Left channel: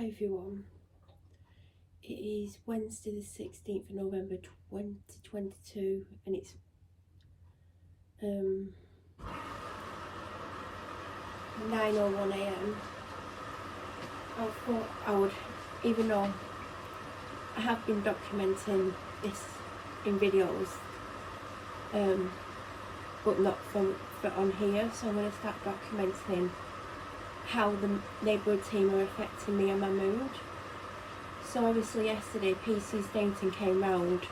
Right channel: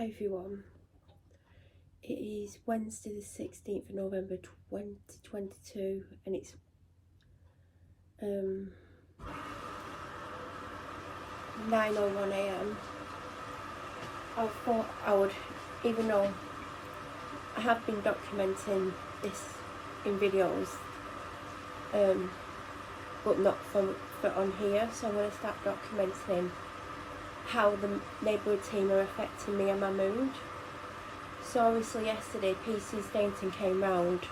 Hi everyone, it is Wednesday the 16th of November 2022 and it's 9:01 AM. I thought I would, even though I have been documenting this in videos, but not for on here, so I'm going to start documenting how the Neighbourhood team are affecting me and my mood. So obviously yesterday PS Stainton came round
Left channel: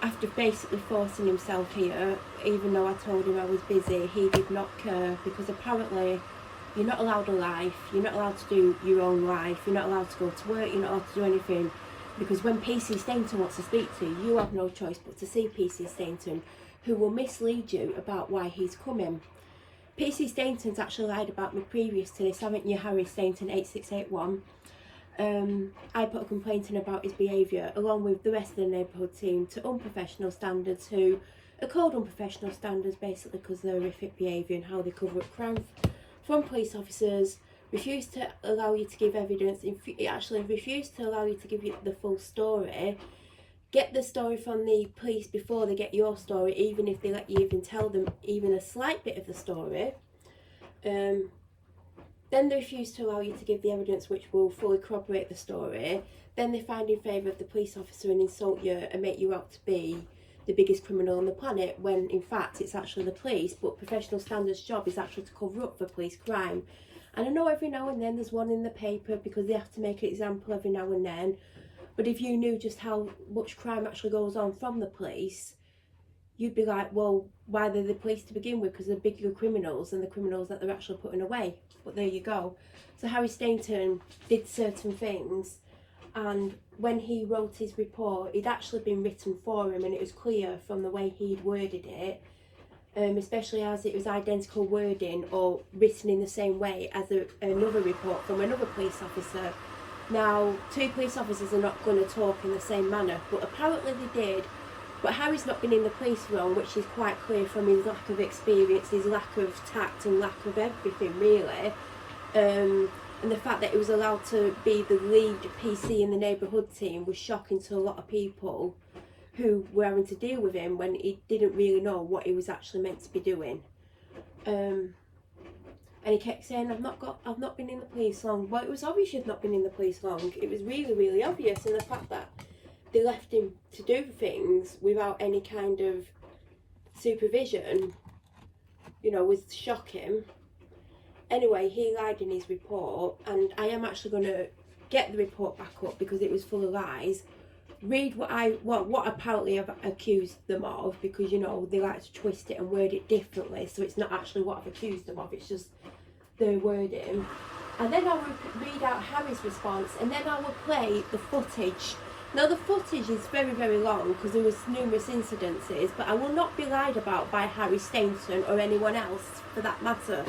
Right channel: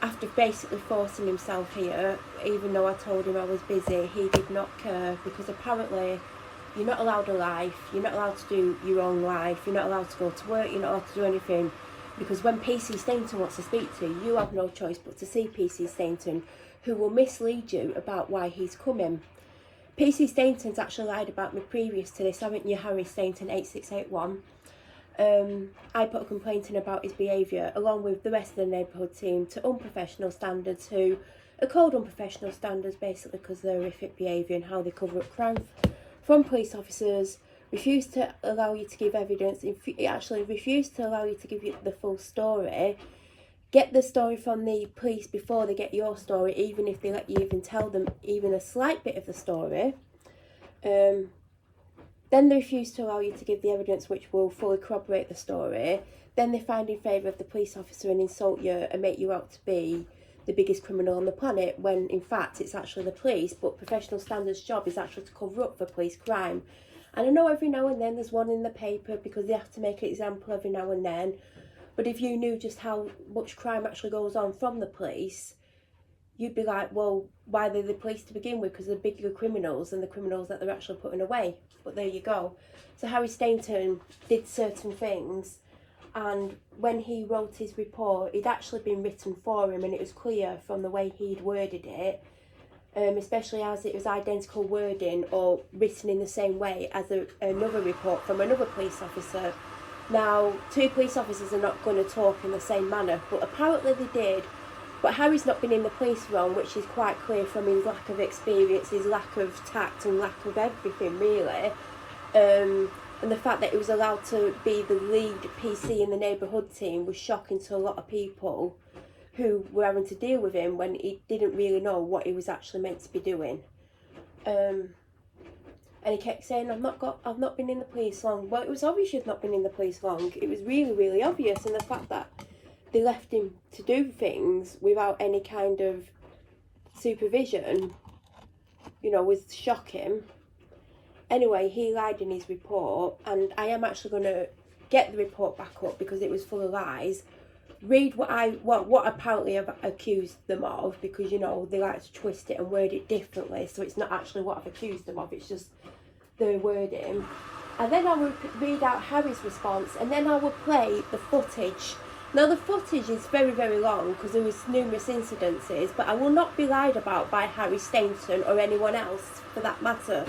after basically forcing himself here, even though I told him I was busy. He did not care, because apparently you're not allowed a life, you're not allowed to do your own life, you're not allowed to go to work, you're not allowed to do anything, because when PS Stainton wants to speak to you, you have no choice but to see PS Stainton, who will mislead you about why he's coming. PS Stainton's actually lied about me previous to this, haven't you, Harry Stainton 8681? I put a complaint in about his behaviour, along with the rest of the Neighbourhood team, to unprofessional standards, who are called unprofessional standards basically because they're horrific behaviour and how they cover up crime from police officers, refuse to allow you to give evidence, actually refuse to allow you to give you the full story, get the story from the police before they get your story, even if they let you even tell them even a slight bit of the story. Then they refuse to allow you to give the evidence which will fully corroborate the story. Then they find in favour of the police officer and insult you and make you out to be the biggest criminal on the planet, when in fact it's actually the police, but professional standards' job is actually to cover up for police crime. And I know every now and then there's one in the paper because they have to make an example every now and then, but if you knew just how much crime actually goes on from the police, you'd be like, well, why are they the police to begin with? Because they're bigger criminals than the criminals that they're actually putting away. But there you go. So Harry Stainton did certain things, and when he wrote his report, it'd actually been written for him, and it was clear from the way he'd worded it, especially as it was identical wording or written in the same way as another report from another police officer. Now, two police officers are not going to talk in the same manner, but apparently they did. But Harry's not been in the police long, which is quite clear from his lack of experience, his lack of tact and lack of everything really. And the fact that he was allowed to be the lead PC in the Neighbourhood team was shocking to a lot of people who were having to deal with him when he didn't really know what he was actually meant to be doing. And he kept saying, I've not been in the police long. Well, it was obvious you'd not been in the police long. It was really, really obvious, and the fact that they left him to do things without any kind of supervision, you know, was shocking. Anyway, he lied in his report, and I am actually going to get the report back up because it was full of lies. Read what apparently I've accused them of, because, you know, they like to twist it and word it differently, so it's not actually what I've accused them of, it's just their wording. And then I will read out Harry's response, and then I will play the footage. Now, the footage is very, very long because there was numerous incidences, but I will not be lied about by Harry Stainton or anyone else for that matter.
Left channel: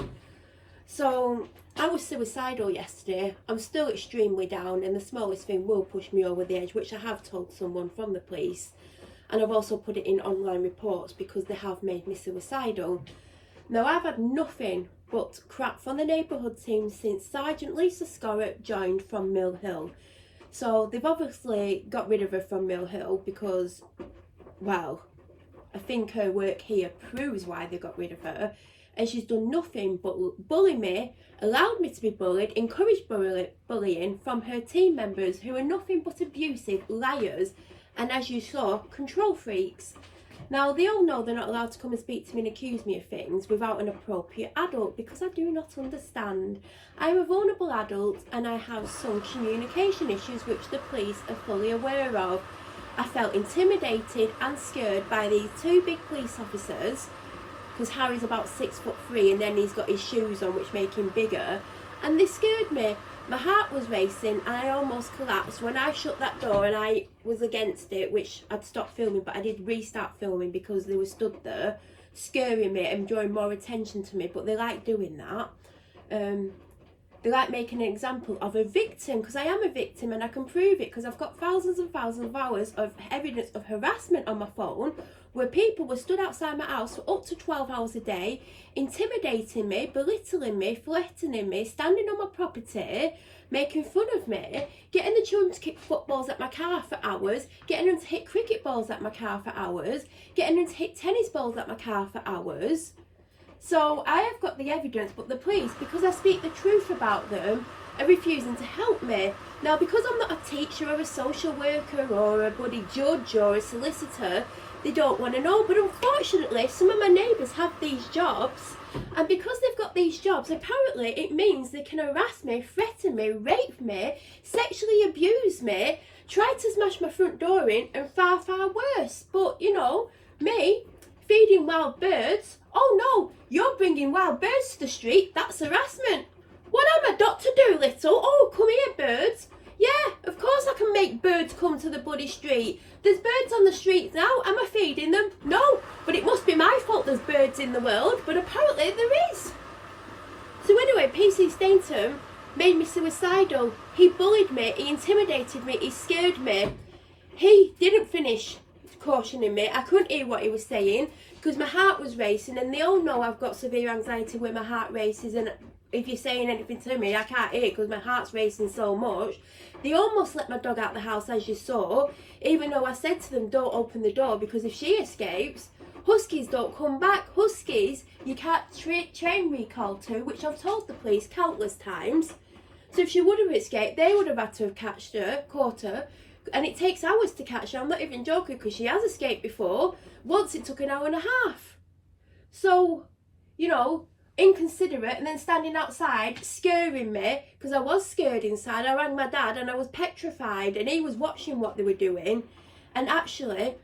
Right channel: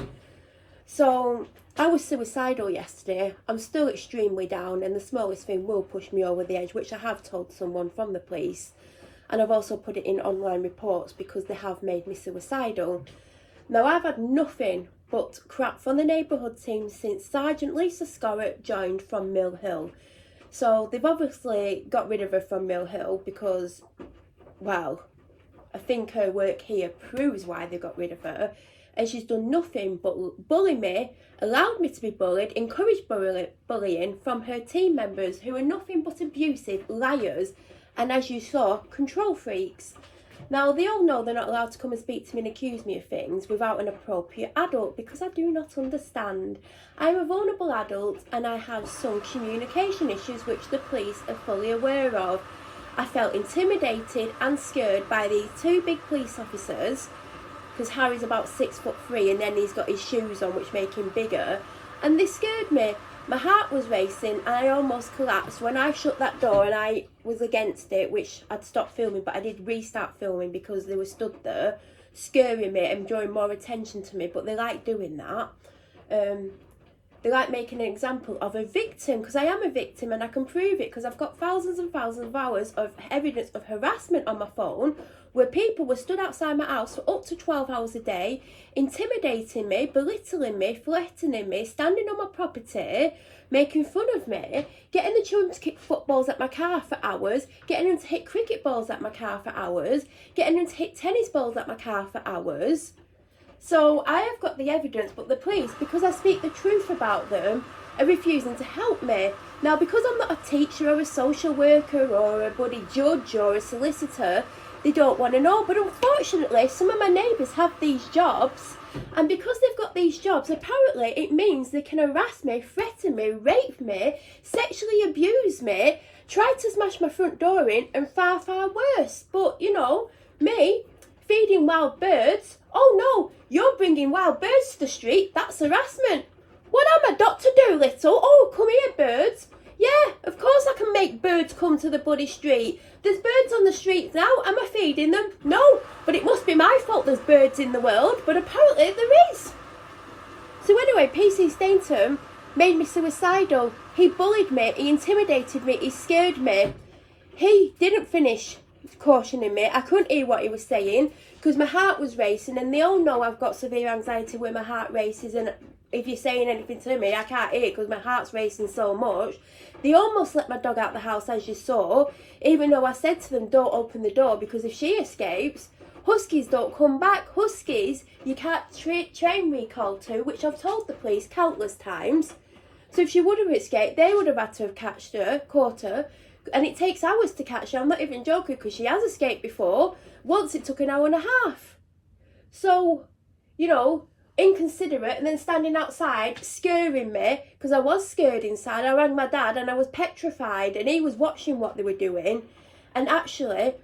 So, I was suicidal yesterday. I'm still extremely down, and the smallest thing will push me over the edge, which I have told someone from the police. And I've also put it in online reports because they have made me suicidal. Now, I've had nothing but crap from the Neighbourhood team since Sergeant Lisa Scorah joined from Mill Hill. So they've obviously got rid of her from Mill Hill because, well, I think her work here proves why they got rid of her. And she's done nothing but bully me, allowed me to be bullied, encouraged bullying from her team members, who are nothing but abusive, liars, and, as you saw, control freaks. Now, they all know they're not allowed to come and speak to me and accuse me of things without an appropriate adult, because I do not understand. I'm a vulnerable adult and I have some communication issues which the police are fully aware of. I felt intimidated and scared by these two big police officers, because Harry's about 6'3" and then he's got his shoes on which make him bigger, and they scared me. My heart was racing and I almost collapsed when I shut that door, and I was against it, which I'd stopped filming, but I did restart filming because they were stood there scaring me and drawing more attention to me. But they like doing that. They like making an example of a victim, because I am a victim and I can prove it, because I've got thousands and thousands of hours of evidence of harassment on my phone, where people were stood outside my house for up to 12 hours a day, intimidating me, belittling me, threatening me, standing on my property, making fun of me, getting the children to kick footballs at my car for hours, getting them to hit cricket balls at my car for hours, getting them to hit tennis balls at my car for hours. So I have got the evidence, but the police, because I speak the truth about them, are refusing to help me. Now, because I'm not a teacher or a social worker or a bloody judge or a solicitor, they don't want to know. But unfortunately, some of my neighbours have these jobs, and because they've got these jobs, apparently it means they can harass me, threaten me, rape me, sexually abuse me, try to smash my front door in, and far, far worse. But, you know, me, feeding wild birds, oh no, you're bringing wild birds to the street, that's harassment. What am I, Dr. Doolittle? Oh, come here, birds. Yeah, of course I can make birds come to the bloody street. There's birds on the streets now. Am I feeding them? No, but it must be my fault there's birds in the world, but apparently there is. So anyway, PC Stainton made me suicidal. He bullied me, he intimidated me, he scared me. He didn't finish cautioning me. I couldn't hear what he was saying because my heart was racing, and they all know I've got severe anxiety where my heart races, and if you're saying anything to me, I can't hear because my heart's racing so much. They almost let my dog out the house, as you saw, even though I said to them, don't open the door, because if she escapes, huskies don't come back. Huskies, you can't train recall to, which I've told the police countless times. So if she would have escaped, they would have had to have caught her, and it takes hours to catch her. I'm not even joking, because she has escaped before. Once it took an hour and a half. So, you know, inconsiderate, and then standing outside scaring me, because I was scared inside. I rang my dad and I was petrified, and he was watching what they were doing. And actually,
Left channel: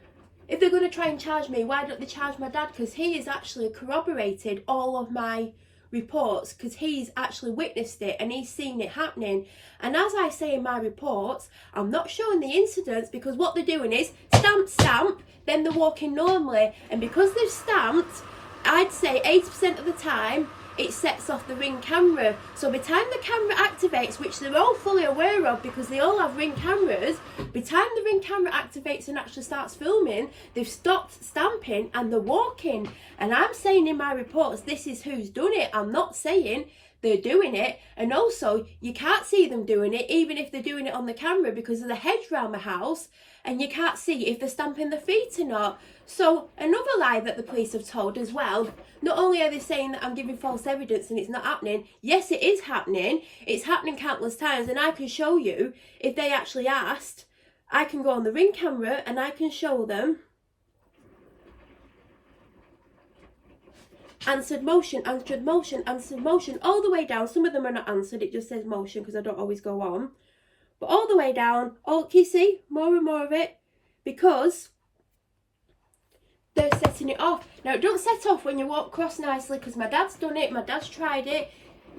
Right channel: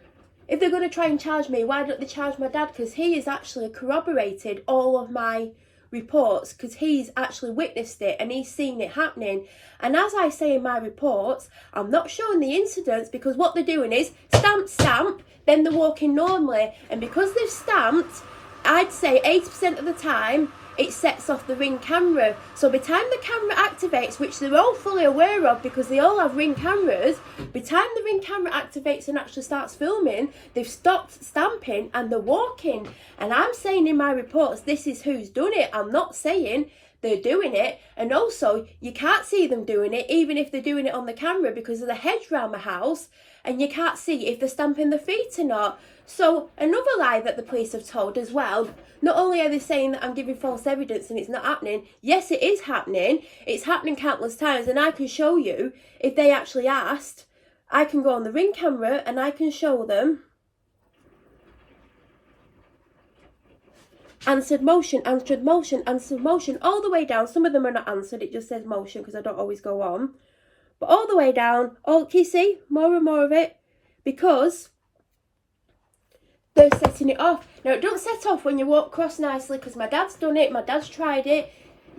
if they're going to try and charge me, why don't they charge my dad? Because he has actually corroborated all of my reports, because he's actually witnessed it and he's seen it happening. And as I say in my reports, I'm not showing the incidents, because what they're doing is stamp, stamp, then they're walking normally, and because they've stamped, I'd say 80% of the time it sets off the Ring camera. So by the time the camera activates, which they're all fully aware of because they all have Ring cameras, by the time the Ring camera activates and actually starts filming, they've stopped stamping and they're walking. And I'm saying in my reports, this is who's done it. I'm not saying they're doing it. And also, you can't see them doing it, even if they're doing it on the camera, because of the hedge round the house, and you can't see if they're stamping their feet or not. So another lie that the police have told as well, not only are they saying that I'm giving false evidence and it's not happening, yes, it is happening. It's happening countless times, and I can show you, if they actually asked, I can go on the Ring camera and I can show them answered motion, answered motion, answered motion, all the way down. Some of them are not answered, it just says motion because I don't always go on. But all the way down, can you see more and more of it? Because they're setting it off. Now, it don't set off when you walk across nicely, because my dad's done it, my dad's tried it,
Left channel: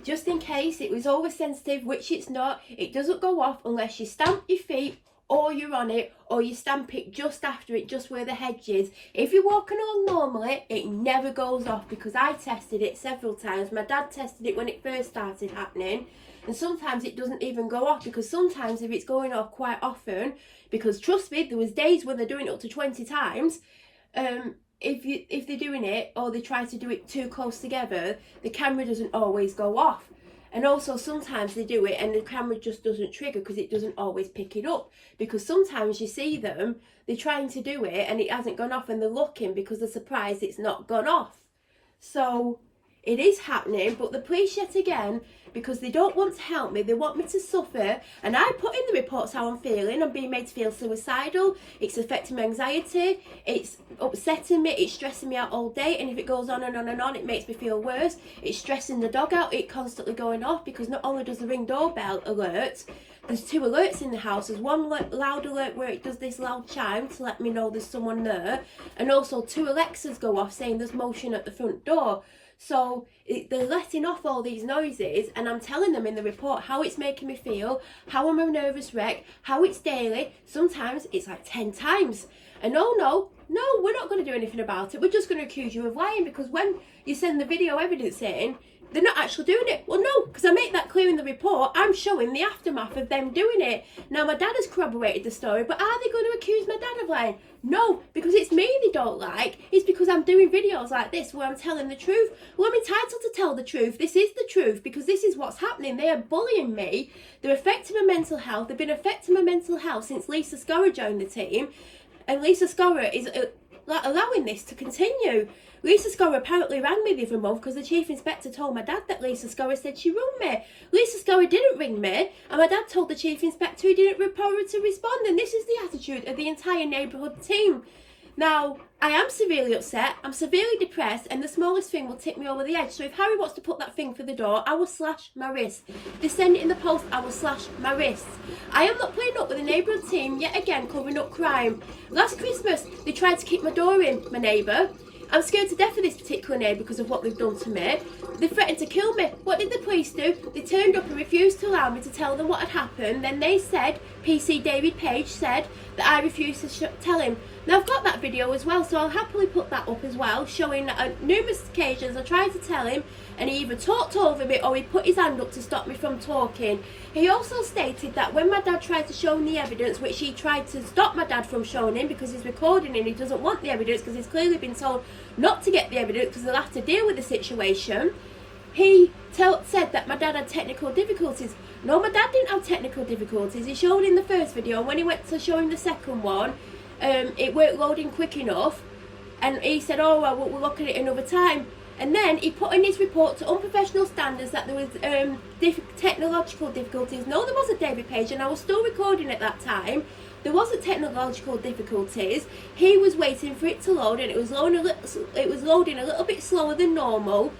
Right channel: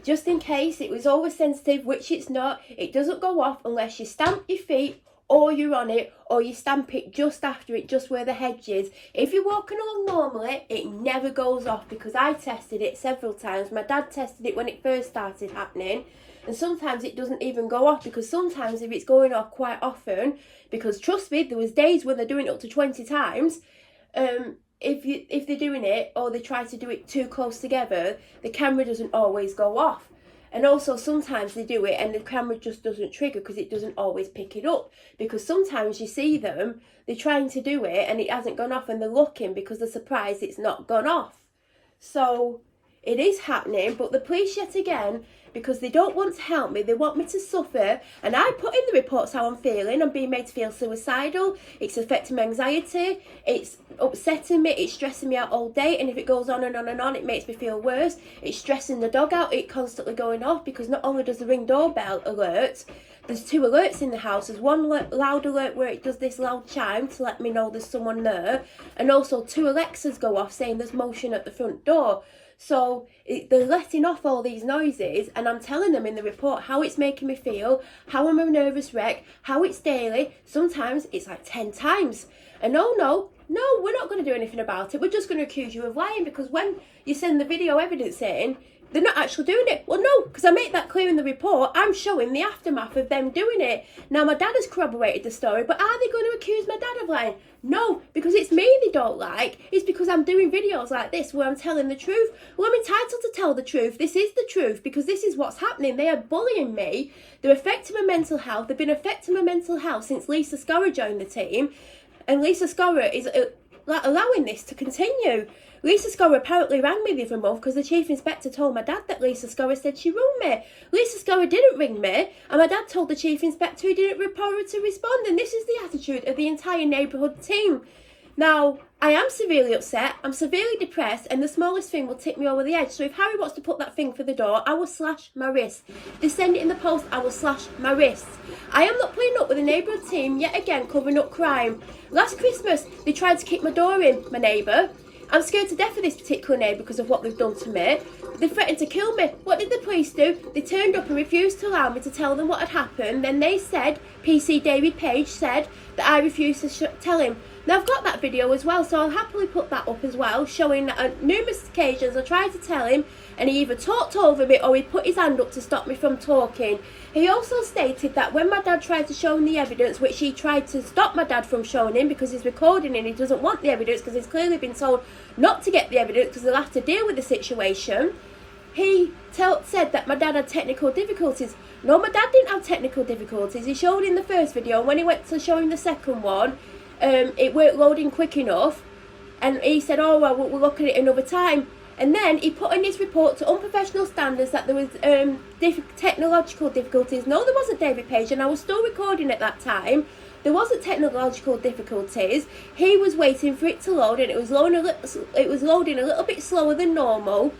just in case. It was always sensitive, which it's not. It doesn't go off unless you stamp your feet, or you're on it, or you stamp it just after it, just where the hedge is. If you're walking along normally, it never goes off, because I tested it several times. My dad tested it when it first started happening, and sometimes it doesn't even go off, because sometimes if it's going off quite often, because trust me, there was days when they're doing it up to 20 times, if they're doing it, or they try to do it too close together, the camera doesn't always go off. And also sometimes they do it and the camera just doesn't trigger, because it doesn't always pick it up, because sometimes you see them, they're trying to do it and it hasn't gone off, and they're looking because they're surprised it's not gone off. So it is happening, but the police, yet again, because they don't want to help me, they want me to suffer. And I put in the reports how I'm feeling. I'm being made to feel suicidal. It's affecting my anxiety. It's upsetting me. It's stressing me out all day. And if it goes on and on and on, it makes me feel worse. It's stressing the dog out. It's constantly going off, because not only does the Ring doorbell alert, there's 2 alerts in the house. There's one loud alert where it does this loud chime to let me know there's someone there. And also 2 Alexas go off saying there's motion at the front door. So they're letting off all these noises, and I'm telling them in the report how it's making me feel, how I'm a nervous wreck, how it's daily. Sometimes it's like 10 times. And no, we're not going to do anything about it. We're just going to accuse you of lying, because when you send the video evidence in, they're not actually doing it. Well, no, because I make that clear in the report. I'm showing the aftermath of them doing it. Now, my dad has corroborated the story, but are they going to accuse my dad of lying? No, because it's me they don't like. It's because I'm doing videos like this where I'm telling the truth. Well, I'm entitled to tell the truth. This is the truth because this is what's happening. They are bullying me. They're affecting my mental health. They've been affecting my mental health since Lisa Scorah joined the team. And Lisa Scorah is allowing this to continue. Lisa Scorah apparently rang me the other month because the chief inspector told my dad that Lisa Scorah said she rung me. Lisa Scorah didn't ring me, and my dad told the chief inspector he didn't report her to respond, and this is the attitude of the entire neighbourhood team. Now, I am severely upset, I'm severely depressed, and the smallest thing will tip me over the edge. So if Harry wants to put that thing for the door, I will slash my wrist. If they send it in the post, I will slash my wrists. I am not putting up with the neighbourhood team yet again covering up crime. Last Christmas, they tried to kick my door in, my neighbour. I'm scared to death of this particular neighbour because of what they've done to me. They threatened to kill me. What did the police do? They turned up and refused to allow me to tell them what had happened. Then they said, PC David Page said, that I refused to tell him. Now, I've got that video as well, so I'll happily put that up as well, showing that on numerous occasions I tried to tell him, and he either talked over me or he put his hand up to stop me from talking. He also stated that when my dad tried to show him the evidence, which he tried to stop my dad from showing him because he's recording and he doesn't want the evidence because he's clearly been told not to get the evidence because they'll have to deal with the situation, he said that my dad had technical difficulties. No, my dad didn't have technical difficulties. He showed in the first video, and when he went to show him the second one, it weren't loading quick enough, and he said, oh well, we'll look at it another time. And then he put in his report to unprofessional standards that there was technological difficulties. No, there wasn't, David Page, and I was still recording at that time. There wasn't technological difficulties. He was waiting for it to load, and it was loading a little bit slower than normal.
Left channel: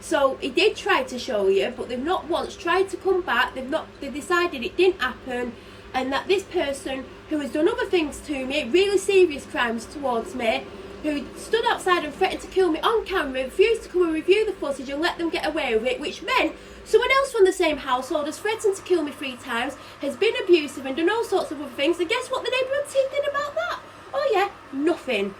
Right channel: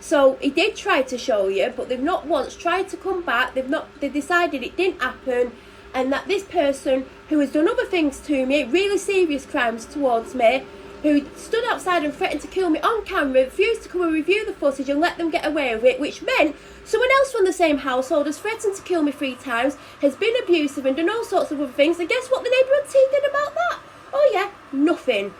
So he did try to show you, but they've not once tried to come back. They've decided it didn't happen, and that this person who has done other things to me, really serious crimes towards me, who stood outside and threatened to kill me on camera, refused to come and review the footage and let them get away with it, which meant someone else from the same household has threatened to kill me 3 times, has been abusive and done all sorts of other things. And guess what the neighbourhood team did about that? Oh yeah, nothing.